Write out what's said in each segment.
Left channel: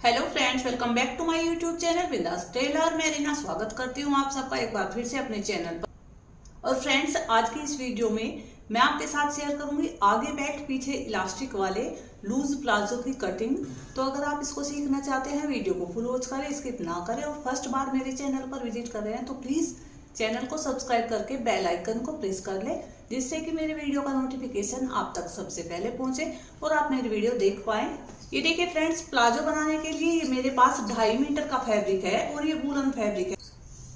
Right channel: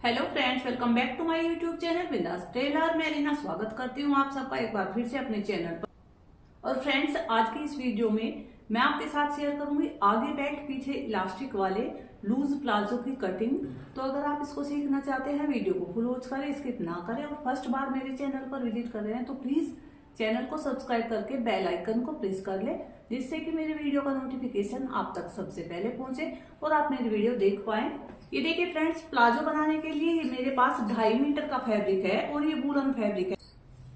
Hello friends, welcome back to my YouTube channel Bindaas tailor. मैं रीना स्वागत करती हूँ आप सबका एक बार फिर से अपने चैनल पर। और फ्रेंड्स, आज की इस वीडियो में मैं आपके साथ शेयर करूंगी आगे बैक पीछे इलास्टिक वाले लूज प्लाजो की कटिंग। तो अगर आप इसको सीखना चाहते हैं, वीडियो को फुल वॉच करें, स्किप ना करें और फर्स्ट बार मेरे चैनल पर विजिट कर रहे हैं तो प्लीज चैनल को सब्सक्राइब करके बेल आइकन को प्रेस कर ले, जिससे कि मेरे वीडियो का नोटिफिकेशन आप तक सबसे पहले पहुंचे और आप मेरी वीडियो देख पाएं। ये देखिए फ्रेंड्स, प्लाजो बनाने के लिए ये मेरे पास 2.5 मीटर का फैब्रिक है और ये वूलन फैब्रिक है।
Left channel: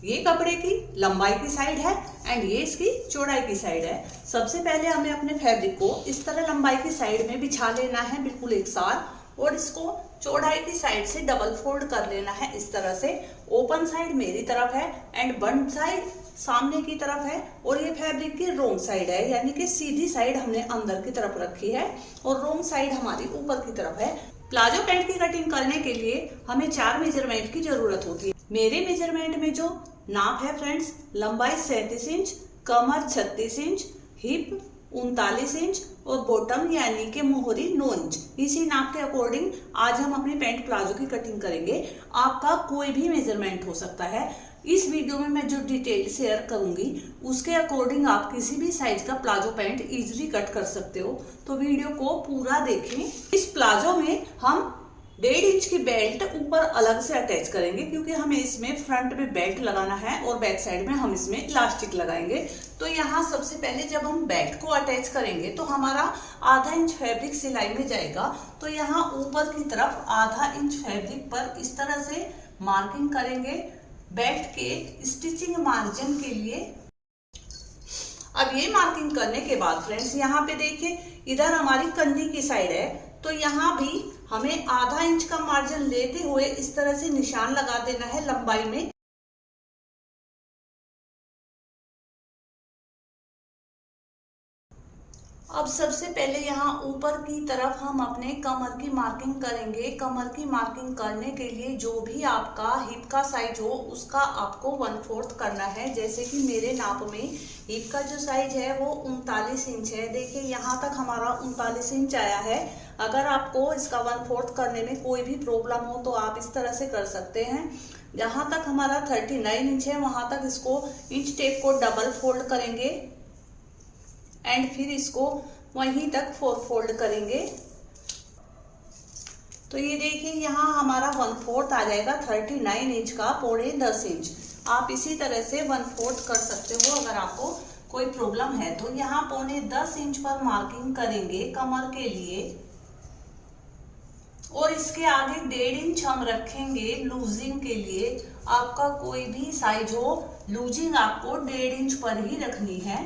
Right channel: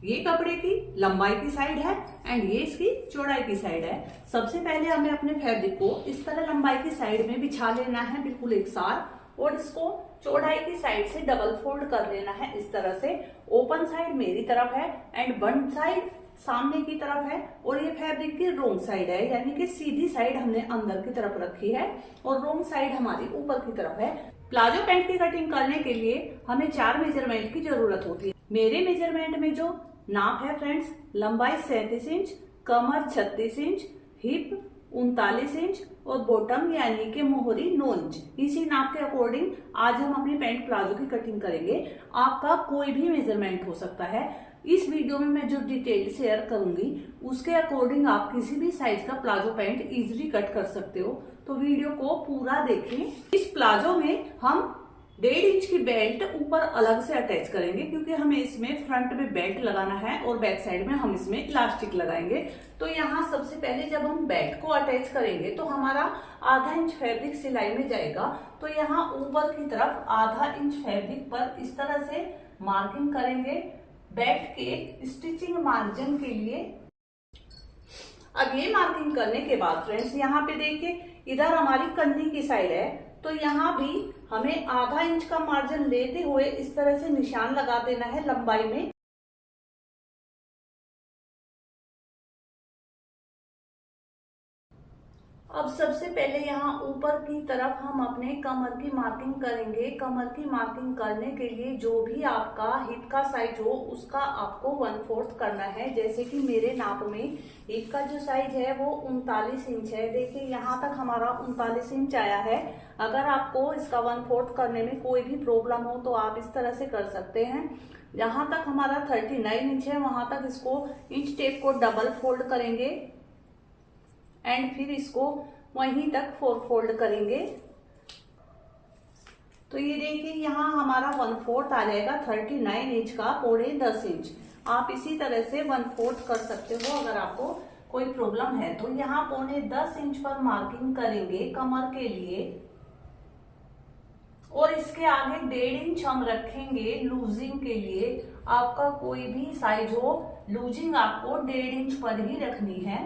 ये कपड़े की लंबाई की साइड है एंड ये इसकी चौड़ाई की साइड है। सबसे पहले हमें अपने फैब्रिक को इस तरह लंबाई की साइड में बिछा लेना है, बिल्कुल एक साथ, और इसको चौड़ाई की साइड से डबल फोल्ड कर लेना है इस तरह से। ओपन साइड मेरी तरफ है एंड बंद साइड सामने की तरफ है और ये फैब्रिक की रोंग साइड है, यानी कि सीधी साइड हमने अंदर की तरफ रखी है और रोंग साइड हमारी ऊपर की तरफ है। प्लाजो पैंट की कटिंग करने के लिए हमें 4 मेजरमेंट की जरूरत होती है। मेरे मेजरमेंट में जो नाप है फ्रेंड्स, लंबाई 37 इंच, कमर 36 इंच, हिप 39 इंच और बॉटम यानी कि मोहरी 9 इंच। इसी नाप के अकॉर्डिंग आज हम अपनी पैंट प्लाजो की कटिंग करेंगे। आपका कोई भी मेजरमेंट हो सकता है। इस वीडियो में मैं जो डिटेल शेयर करूंगी उसके अकॉर्डिंग आप किसी भी साइज का प्लाजो पैंट इजीली कट कर सकते हो, तो वीडियो को पूरा देखें। इस प्लाजो में हम 1.5 इंच की बेल्ट ऊपर अलग से अटैच करेंगे, क्योंकि हमें इसमें फ्रंट में बेल्ट लगाना है और बैक साइड में हम इसमें इलास्टिक लगाएंगे। तो यहाँ सबसे पहले जब हम बेल्ट को अटैच करेंगे तो हमारा आधा इंच फैब्रिक सिलाई में जाएगा। तो यहाँ ऊपर की तरफ आधा इंच फैब्रिक पर इस तरह से मार्किंग करेंगे बेल्ट के स्टिचिंग मार्जिन के लिए। अब ये मार्किंग करने के बाद फ्रेंड्स, यहाँ पे देखिए इधर हमारी कंधी की साइड है, तो यहाँ भी हमें आधा इंच का मार्जिन लेते हुए इस तरह से निशान लगा देना है लंबाई में। अब सबसे पहले यहाँ ऊपर की तरफ हम अपने कमर की मार्किंग करेंगे। कमर की मार्किंग करने के लिए जो भी आपका हिप का साइज हो उसका आपको 1/4 करना है। जैसे कि मेरे नाप में हिप का जो साइज है वो 39 इंच है। देखिए यहाँ तक हमारा 39 इंच आया है। अगर आपको इसका 1/4 करने में कोई भी प्रॉब्लम हो तो आप इस तरह से कर सकते हैं। जहाँ तक हमारा 39 इंच है वहां तक इसको इंच टेप को डबल फोल्ड करेंगे एंड फिर इसको वहीं तक 4 फोल्ड करेंगे। तो ये देखिए यहाँ हमारा 1/4 आ जाएगा 39 इंच का, 9.5 इंच। आप इसी तरह से 1/4 कर सकते हो अगर आपको कोई प्रॉब्लम है तो। यहाँ 9.5 इंच पर मार्किंग करेंगे कमर के लिए और इसके आगे 1.5 इंच हम रखेंगे लूजिंग के लिए। आपका कोई भी साइज हो, लूजिंग आपको 1.5 इंच पर ही रखनी है।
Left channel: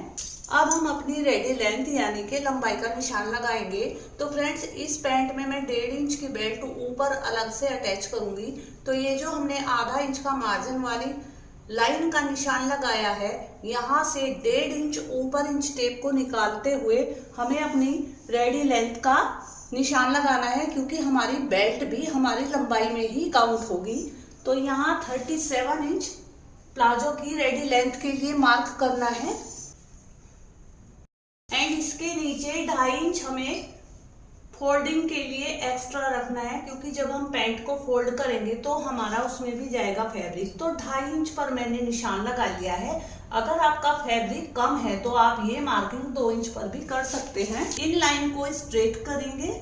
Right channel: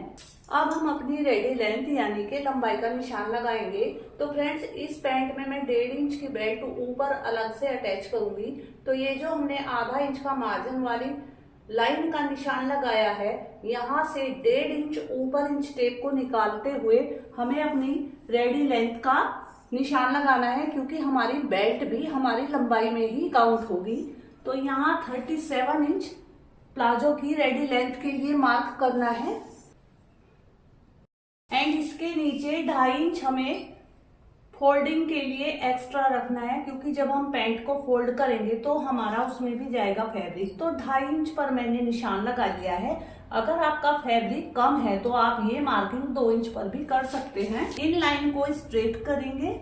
अब हम अपनी रेडी लेंथ यानी कि लंबाई का निशान लगाएंगे। तो फ्रेंड्स, इस पैंट में मैं 1.5 इंच की बेल्ट ऊपर अलग से अटैच करूंगी। तो ये जो हमने आधा इंच का मार्जिन वाली लाइन का निशान लगाया है, यहाँ से 1.5 इंच ऊपर इंच टेप को निकालते हुए हमें अपनी रेडी लेंथ का निशान लगाना है, क्योंकि हमारी बेल्ट भी हमारी लंबाई में ही काउंट होगी। तो यहाँ 37 इंच प्लाजो की रेडी लेंथ के लिए मार्क करना है एंड इसके नीचे 2.5 इंच हमें फोल्डिंग के लिए एक्स्ट्रा रखना है, क्योंकि जब हम पैंट को फोल्ड करेंगे तो हमारा उसमें भी जाएगा फैब्रिक। तो 2.5 इंच पर मैंने निशान लगा लिया है। अगर आपका फैब्रिक कम है तो आप ये मार्किंग 2 इंच पर भी कर सकते हैं। इन लाइन को स्ट्रेट करेंगे।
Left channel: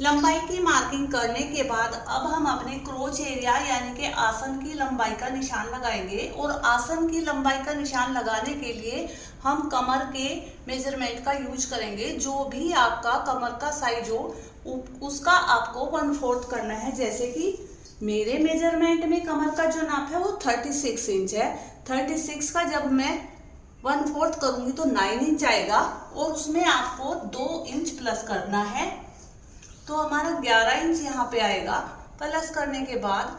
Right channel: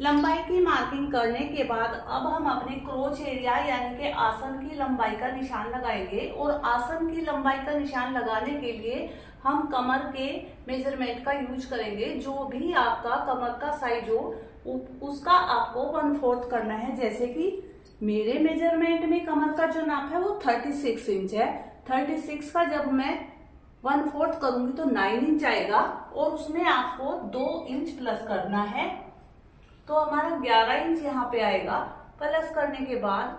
लंबाई की मार्किंग करने के बाद अब हम अपने क्रोच एरिया यानी कि आसन की लंबाई का निशान लगाएंगे। और आसन की लंबाई का निशान लगाने के लिए हम कमर के मेजरमेंट का यूज करेंगे। जो भी आपका कमर का साइज हो उसका आपको 1/4 करना है। जैसे कि मेरे मेजरमेंट में कमर का जो नाप है वो 36 इंच है। 36 का जब मैं 1/4 करूंगी तो 9 इंच आएगा और उसमें आपको 2 इंच प्लस करना है। तो हमारा 11 इंच यहाँ पे आएगा। प्लस करने के बाद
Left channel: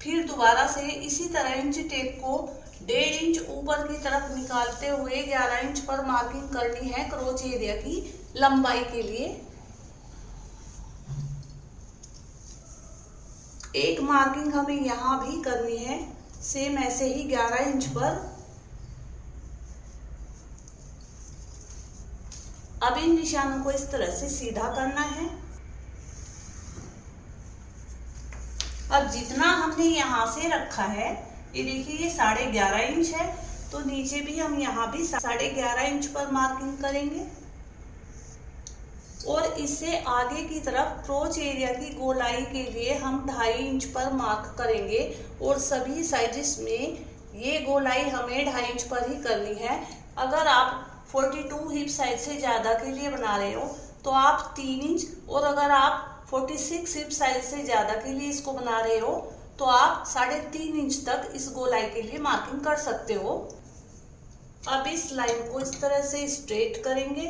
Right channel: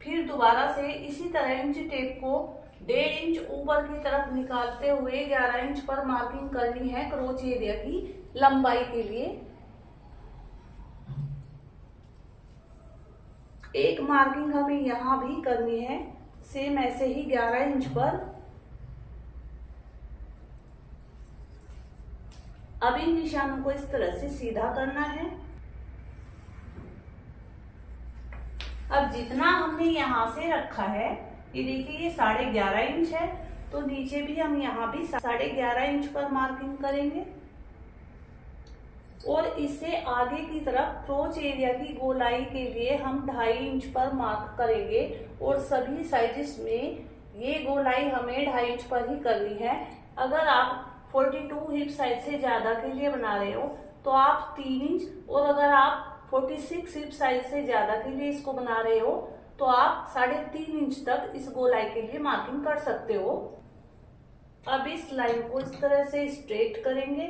फिर दोबारा से इसी तरह इंच टेप को 1.5 इंच ऊपर की तरफ निकालते हुए 11 इंच पर मार्किंग करनी है क्रोच एरिया की लंबाई के लिए। एक मार्किंग हमें यहाँ भी करनी है सेम ऐसे ही 11 इंच पर। अब इन निशानों को इस तरह से सीधा करना है। अब जितना हमने यहाँ से रखा है, ये देखिए ये 11.5 इंच है, तो नीचे भी हम यहाँ भी 11.5 इंच पर मार्किंग करेंगे और इससे आगे की तरफ क्रोच एरिया की गोलाई के लिए हम 2.5 इंच पर मार्क करेंगे और सभी साइजेस में ये गोलाई हमें 2.5 इंच पर ही करनी है। अगर आप 42 हिप साइज से ज़्यादा के लिए बना रहे हो तो आप 3 इंच, और अगर आप 46 हिप साइज से ज़्यादा के लिए इसको बना रहे हो तो आप 3.5 इंच तक इस गोलाई के लिए मार्किंग कर सकते हो। अब इस लाइन को इस तरह से स्ट्रेट करेंगे।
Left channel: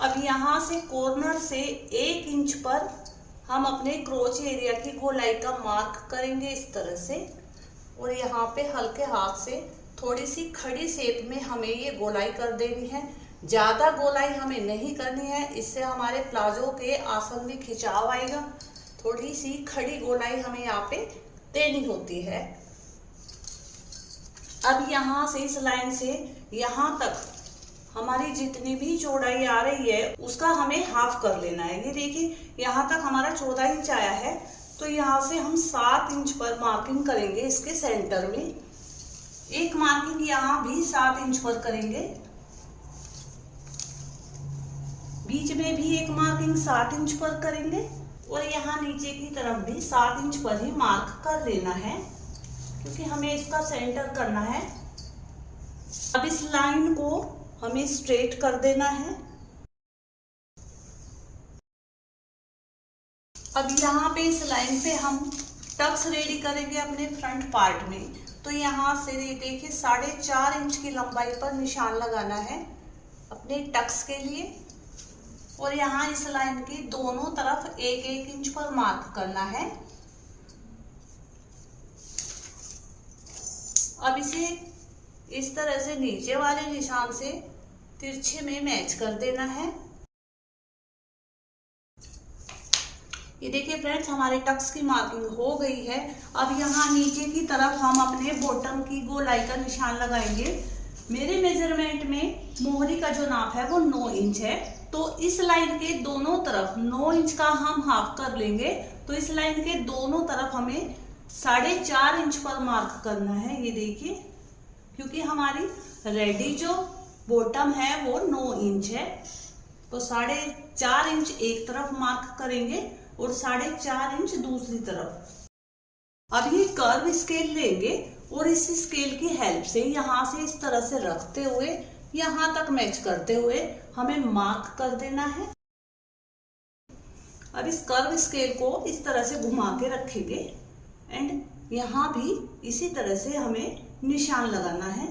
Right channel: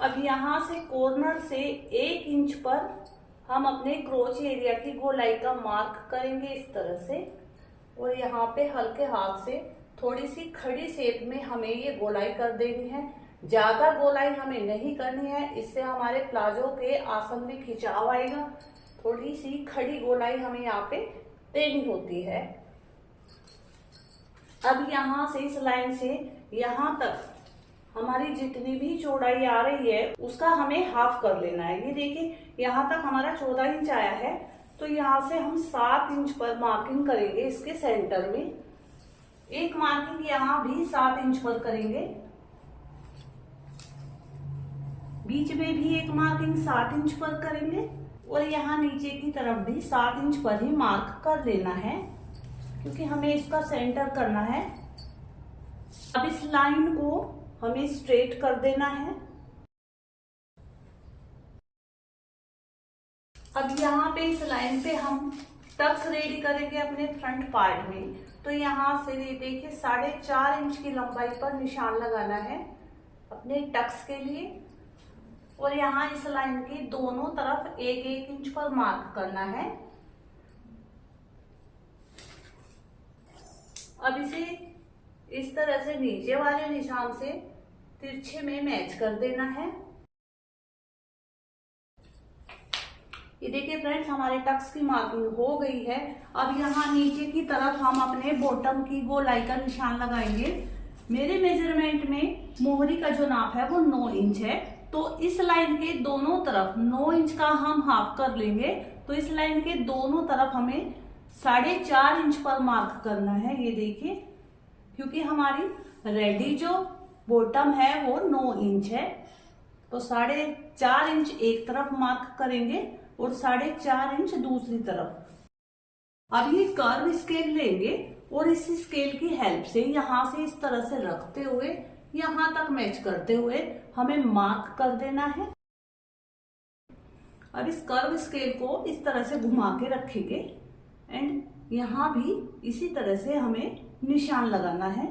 अब यहाँ से कॉर्नर से 1 इंच पर हम अपने क्रोच एरिया की गोलाई का मार्क करेंगे इस तरह से, और यहाँ पे हल्के हाथ से थोड़ी सी खड़ी शेप में हमें ये गोलाई कर देनी है। ज़्यादा गोलाई हमें नहीं करनी है, इससे हमारे प्लाजो के आसन में खिंचाव आएगा। थोड़ी सी खड़ी गोलाई हमें यहाँ पे देनी होती है। अब यहाँ से इस लाइन से यहाँ तक हमारी जितनी भी चौड़ाई आ रही है उसका हमें हाफ कर लेना है। ये देखिए यहाँ तक हमारा 14 इंच आया है, तो यहाँ से हम 7 इंच पर मार्किंग करेंगे इसके सेंटर में। एक मार्किंग यहाँ भी 7 इंच पर करेंगे, बीच में भी एक मार्किंग 7 इंच पर करेंगे और यहाँ नीचे की तरफ भी 7 इंच पर ही मार्क कर लेना है, क्योंकि हमें इसका सेंटर करना है। अब इस लाइन को हमें स्ट्रेट कर देना है। अब यहाँ पे इस लाइन पे हम टक्स रेडी करेंगे अपने फ्रंट पार्ट में। तो यहाँ से देखिए 4.5 इंच की लंबाई पर निशान लगाना है अपने टक्स के लिए, और यहाँ इस लाइन के दोनों तरफ 1-1 इंच पर मार्क करना है। अब इसे इस तरह से नीचे वाले निशान से तिरछे में मैच कर देना है। ये देखिए फ्रेंड्स, हमारे टक्स की मार्किंग हो गई है। अब यहाँ नीचे की तरफ हम अपने बॉटम की गोलाई का निशान लगाएंगे। मेरे मेजरमेंट में मोहरी का जो नाप है वो 9 इंच है, तो इस लाइन के दोनों तरफ 9 इंच का हम हाफ कर लेंगे। तो इस लाइन के दोनों तरफ हमें 4.5 इंच पर मार्क करना है। ये देखिए, क्योंकि हमारी रेडी जो बॉटम है वो 9 इंच है, तो 4.5 इंच एक तरफ मार्क करेंगे और 4.5 इंच दूसरी तरफ। अब ये कर्व स्केल लेंगे और इस स्केल की हेल्प से यहाँ से इस तरह से रखते हुए यहाँ तक मैच करते हुए हमें मार्क कर देना है। अब इस कर्व स्केल को इस तरह से घुमा के रखेंगे एंड यहाँ भी इसी तरह से हमें निशान लगाना है।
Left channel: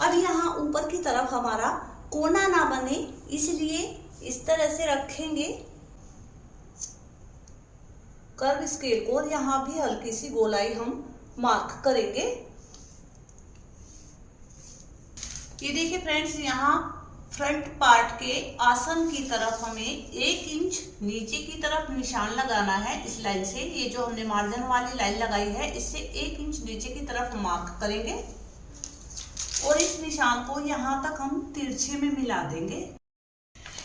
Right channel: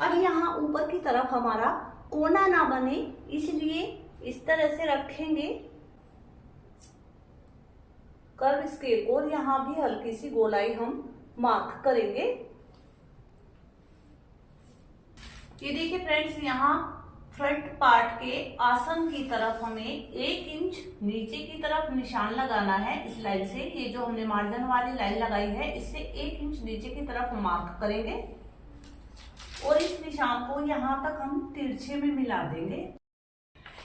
अब यहाँ ऊपर की तरफ हमारा कोना ना बने इसलिए इस तरह से रखेंगे कर्व स्केल को, और यहाँ भी हल्की सी गोलाई हम मार्क करेंगे। ये देखिए फ्रेंड्स, यहाँ फ्रंट पार्ट के आसन की तरफ हमें 1 इंच नीचे की तरफ निशान लगाना है। इस लाइन से, ये जो हमने मार्जिन वाली लाइन लगाई है, इससे 1 इंच नीचे की तरफ मार्क करेंगे और इस निशान को यहाँ तक हम तिरछे में मिला देंगे।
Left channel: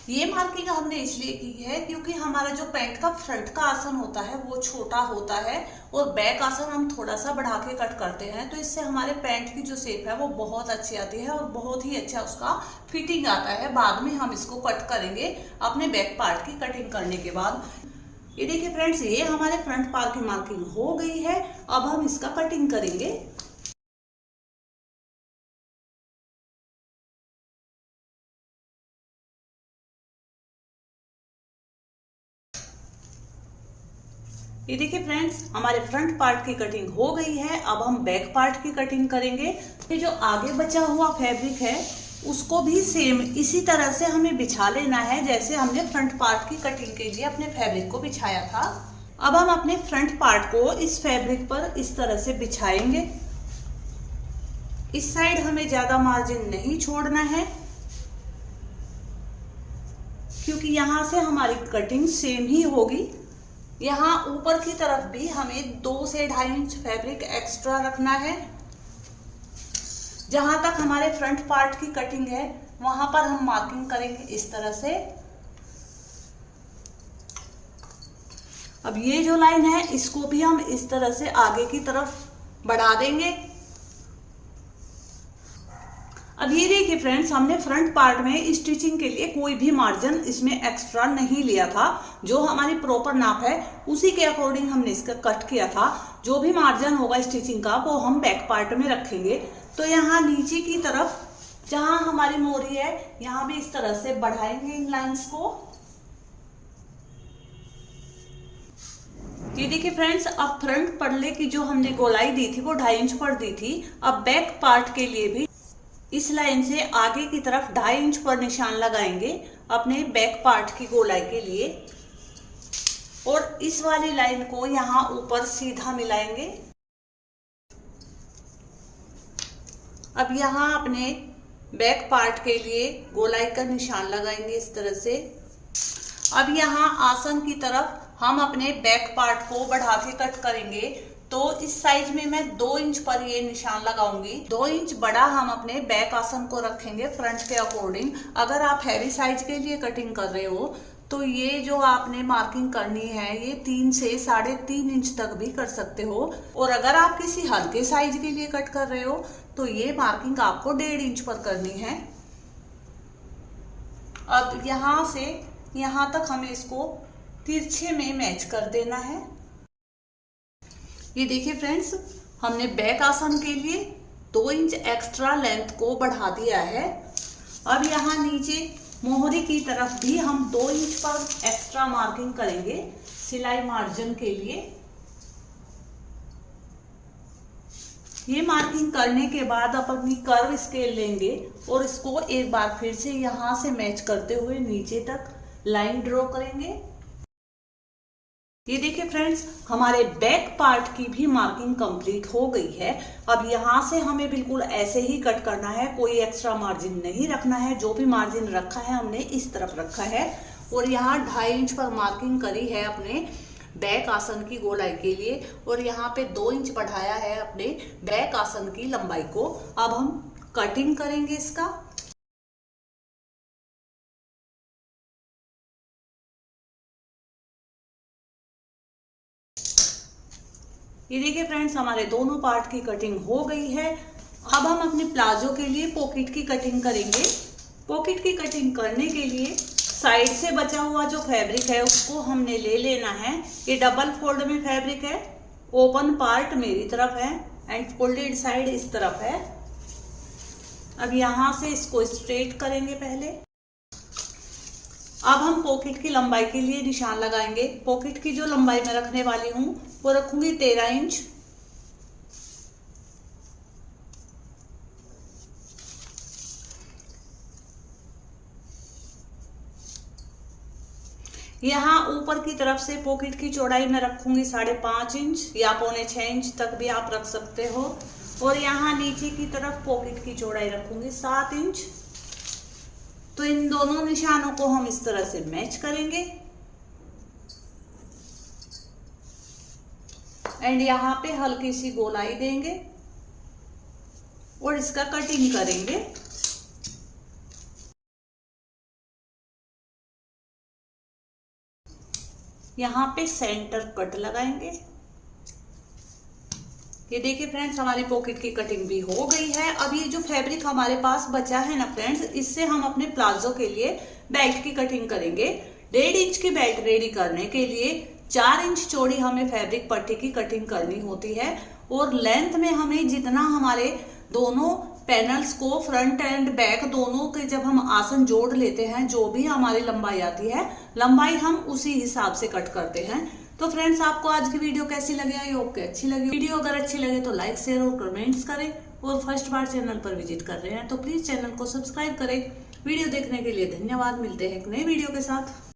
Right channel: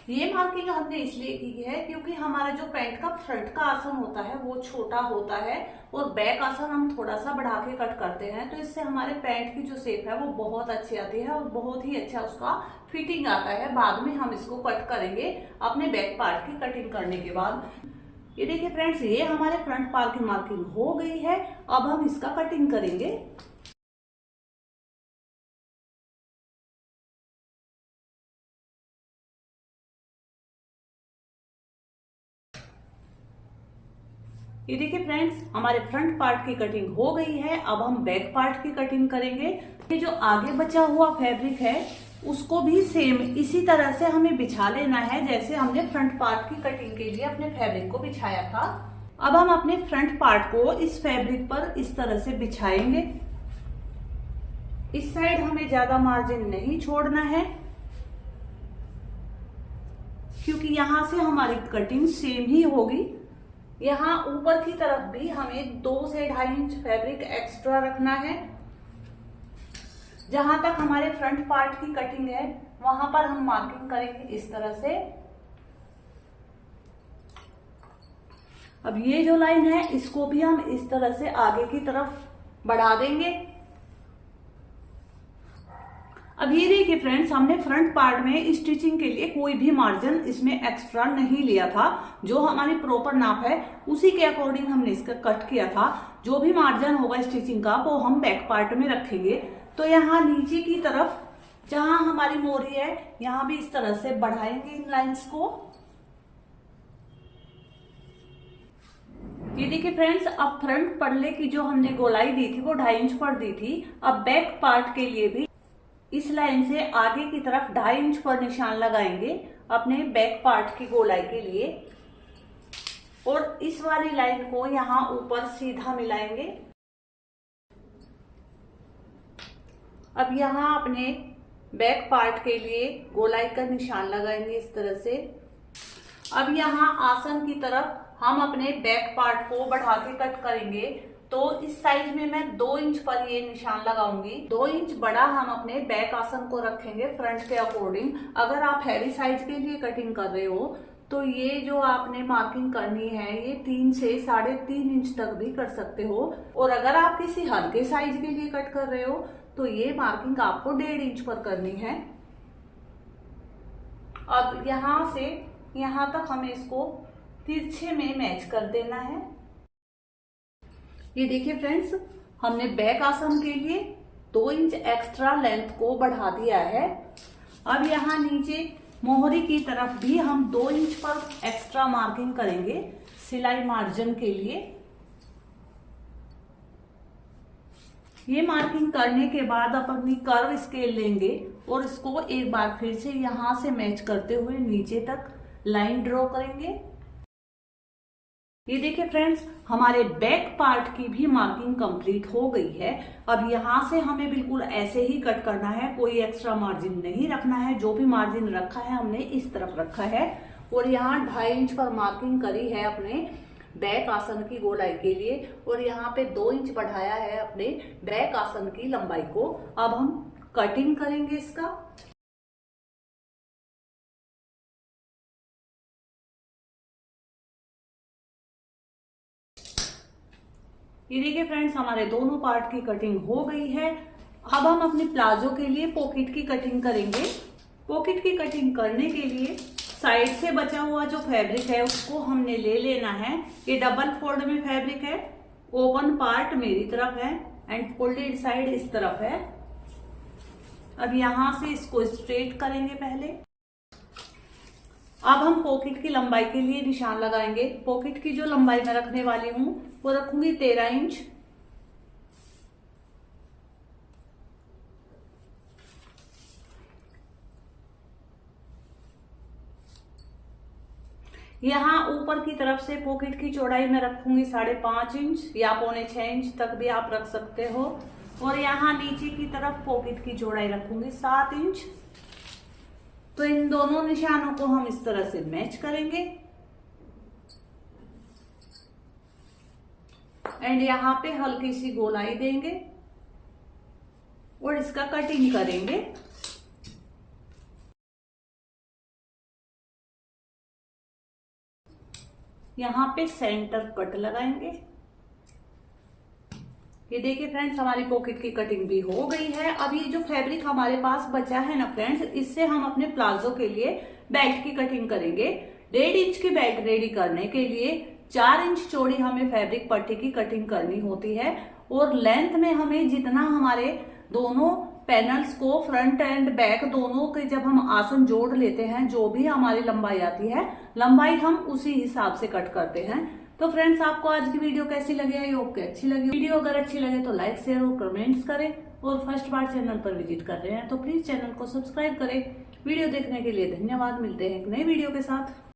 ये मार्किंग हमने इसलिए की है क्योंकि हमारा जो पैंट का फ्रंट का आसन होता है वो छोटा होता है और बैक आसन हम थोड़ा सा बढ़ा के कट करते हैं, तो इससे हमारे पैंट की जो शेप है वो बहुत अच्छी आती है और बहुत ही अच्छा उसका फिटिंग आता है। बाद में हम इसको कट करेंगे अपने बैक पार्ट की कटिंग करने के बाद। ये देखिए फ्रेंड्स, ये हमारे फ्रंट पार्ट की मार्किंग हो गई है। अब हम इसका कटिंग करेंगे। ये देखिए फ्रेंड्स, हमारे फ्रंट पार्ट की कटिंग हो गई है। अब हम बैक पार्ट की कटिंग करेंगे। ये जो आगे बचा हुआ फैब्रिक है उसको भी सेम इसी तरह से hमें बिछा लेना है जैसे हमने फ्रंट पार्ट की कटिंग के लिए अपने फैब्रिक को बिछाया था। अब हम अपने फ्रंट पार्ट को इस फैब्रिक पर इस तरह से बिछाएंगे। इस साइड हमें ज्यादा मार्जिन नहीं छोड़ना है क्योंकि यहाँ से हमारी कटिंग सेम ही होगी। यहाँ ऊपर की तरफ भी हमें 2 से 2.5 इंच फैब्रिक एक्स्ट्रा रखना है। जहां तक हमारे फ्रंट पार्ट की कटिंग है वहां पर हम मार्किंग करेंगे इस तरह से। अब ये जो लाइन है इसको भी हम इस तरह से आगे की तरफ बढ़ा देंगे। अब ये देखिए फ्रेंड्स, हमने फ्रंट पार्ट में स्टिचिंग के लिए कोई भी मार्जिन इसमें एक्स्ट्रा नहीं लिया था। जो हमारी प्रॉपर नाप है उसी के अकॉर्डिंग हमने इसका कट किया था। जो भी मार्जिन होगा स्टिचिंग का वो हम बैक पार्ट में रखेंगे। तो यहाँ नीचे की तरफ जहां हमारी मोरी है यहाँ भी इस तरह से बढ़ाएंगे इन लाइंस को। ये देखिए फ्रेंड्स, अब फ्रंट पल्ले की जो हमने गोलाई दी थी वो 2.5 इंच पर दी थी। अब बैक पार्ट के लिए भी इस लाइन से आगे की तरफ 2.5 इंच पर निशान लगाएंगे अपने बैक पार्ट की गोलाई के लिए, और इस वाली लाइन को यहाँ ऊपर सीधा मिलाएंगे। अब यहाँ अपने बैक पार्ट के लिए गोलाई का निशान लगाएंगे इस तरह से। अब यहाँ आसन की तरफ हम अपने बैक पार्ट को बढ़ा के कट करेंगे। तो इस साइज में मैं 2 इंच पर ये निशान लगाऊंगी। 2 इंच बड़ा हम अपने बैक आसन को रखेंगे फ्रंट के अकॉर्डिंग। अगर आप हैवी साइज के लिए कटिंग कर रहे हो तो ये जो आपने मार्किंग करनी है ये 3 से 3.5 इंच तक भी कर सकते हो। और अगर आप किसी हल्के साइज के लिए कट कर रहे हो तो ये मार्किंग आपको 1.5 इंच पर करनी है। अब यहाँ से यहाँ तक हमें इसको तिरछे में मैच कर देना है। ये देखिए फ्रेंड्स, हमने बैक आसन के लिए 2 इंच एक्स्ट्रा लेंथ को बढ़ा दिया है। अब यहाँ नीचे मोहरी की तरफ भी हम 2 इंच पर एक्स्ट्रा मार्किंग करेंगे सिलाई मार्जिन के लिए। ये मार्किंग करने के बाद अपनी कर्व स्केल लेंगे और इसको एक बार फिर से यहाँ से मैच करते हुए नीचे तक लाइन ड्रॉ करेंगे। ये देखिए फ्रेंड्स, हमारे बैक पार्ट की भी मार्किंग कंप्लीट हो गई है। अब यहाँ से हमें बिल्कुल ऐसे ही कट करना है, कोई एक्स्ट्रा मार्जिन नहीं रखना है। जो भी मार्जिन रखा है हमने इस तरफ रखा है और यहाँ 2.5 इंच पर मार्किंग करी है अपने बैक आसन की गोलाई के लिए, और यहाँ पे 2 इंच बढ़ाया है अपने बैक आसन की लंबाई को। अब हम कटिंग करेंगे इसका। ये देखिए फ्रेंड्स, हमारे दोनों पार्ट की कटिंग हो गई है। अब हम अपने प्लाजो के लिए पॉकेट की कटिंग करेंगे। पॉकेट की कटिंग करने के लिए साइड से बचा हुआ जो फैब्रिक है उसको हमने ले लेना है। ये डबल फोल्ड में फैब्रिक है। ओपन पार्ट मेरी तरफ है एंड फोल्डेड साइड इस तरफ है। अब यहाँ से इसको स्ट्रेट करेंगे पहले। अब हम पॉकेट की लंबाई के लिए निशान लगाएंगे। पॉकेट की जो लंबाई मैं रखने वाली हूँ वो रखूंगी 13 इंच। यहाँ ऊपर की तरफ से पॉकेट की चौड़ाई मैं रखूंगी 5.5 इंच या 5.25 इंच तक भी आप रख सकते हो। और यहाँ नीचे की तरफ पॉकेट की चौड़ाई रखूंगी 7 इंच। तो इन दोनों निशानों को हम इस तरह से मैच करेंगे एंड यहाँ पे हल्की सी गोलाई देंगे और इसका कटिंग करेंगे। यहाँ पे सेंटर कट लगाएंगे। ये देखिए फ्रेंड्स, हमारी पॉकेट की कटिंग भी हो गई है। अब ये जो फैब्रिक हमारे पास बचा है ना फ्रेंड्स, इससे हम अपने प्लाजो के लिए बेल्ट की कटिंग करेंगे। 1.5 इंच की बेल्ट रेडी करने के लिए 4 इंच चौड़ी हमें फैब्रिक पट्टी की कटिंग करनी होती है। और लेंथ में हमें जितना हमारे दोनों पैनल्स को फ्रंट एंड बैक दोनों के जब हम आसन जोड़ लेते हैं, जो भी हमारी लंबाई आती है, लंबाई हम उसी हिसाब से कट करते हैं। तो फ्रेंड्स, आपको आज की वीडियो कैसी लगी? आई होप कि अच्छी लगी। वीडियो अगर अच्छी लगे तो लाइक शेयर और कमेंट्स करें, और फर्स्ट बार चैनल पर विजिट कर रहे हैं तो प्लीज चैनल को सब्सक्राइब करें। वीडियो देखने के लिए धन्यवाद। मिलते हैं एक नए वीडियो के साथ।